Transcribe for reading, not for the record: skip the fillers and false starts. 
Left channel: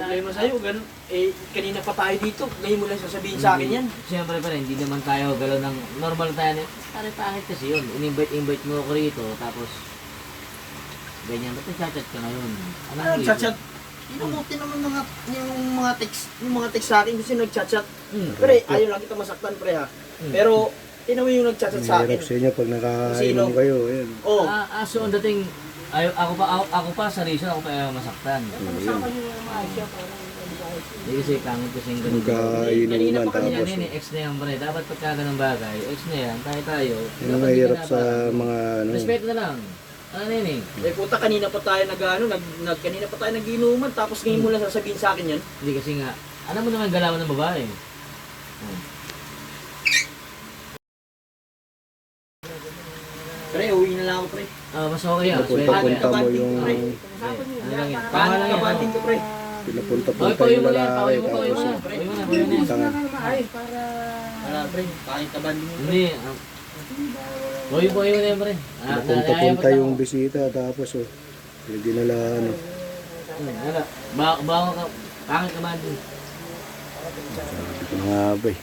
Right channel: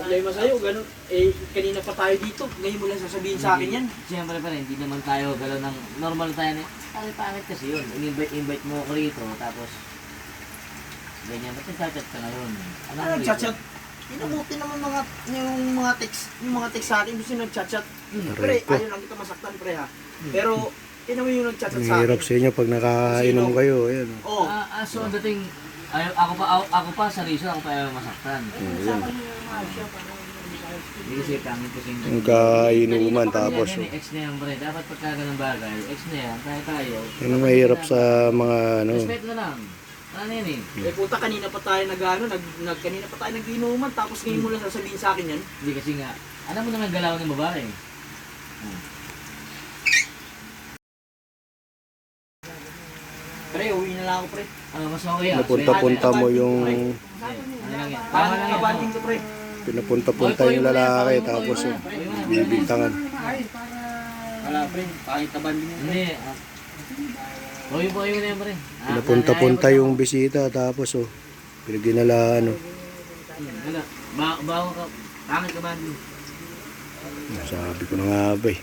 Problema sa'yo, ganun. Eh, kanina pa tayo dito. Ngayon mo lang sasabihin sa akin yan. Siyempre pa rin, hindi naman tayo galaw ng normal tayo. Pare-pangit kasi yun. In-invite mo ako rito, tapos ganyan. Ba't nagchat-chat ka ngayon? Ano, chat-chat? Inabuti naman yung mga text sa akin kasi nag-chat-chat. Pre, ayaw lang kita masaktan, pre ha. Pero, tinan mo yung nag-chat-chat sa Mahirap akin. sa inyo pag nakainom kayo. Ayan. Oo. So, ang dating, ako pa sa reason, ako pa ayaw masaktan. Hindi kasi pangit kasi yung Yung kainuman tapos. Ganyan, ex na yan, pre. Dapat pagka ganang bagay, ex na yan, tayo. Yun ang mahirap sa mga ano. Respeto na lang. Ano yun eh? Eh puta, kanina pa tayo kanina pa tayo nag-inuman, tapos ngayon mo lang sasabihin sa akin yan. Hindi kasi nga, alam mo naman galawan ng babae. Pre, uwi na lang ako, pre. Mas okay ah. Napunta-punta mo yung Ano lang yan? Tama lang yan. Kabanding ka, pre. pinapunta-punta yung lalaki tapos bibintangan. Wala, pre. Kahit kabanding mo. Hindi. Uy po yun eh, pre. Pinapunta-punta yung bisita tapos pinagdinalaan. Bago ka. Pangit ka man din. Sabi ko na nga ba eh.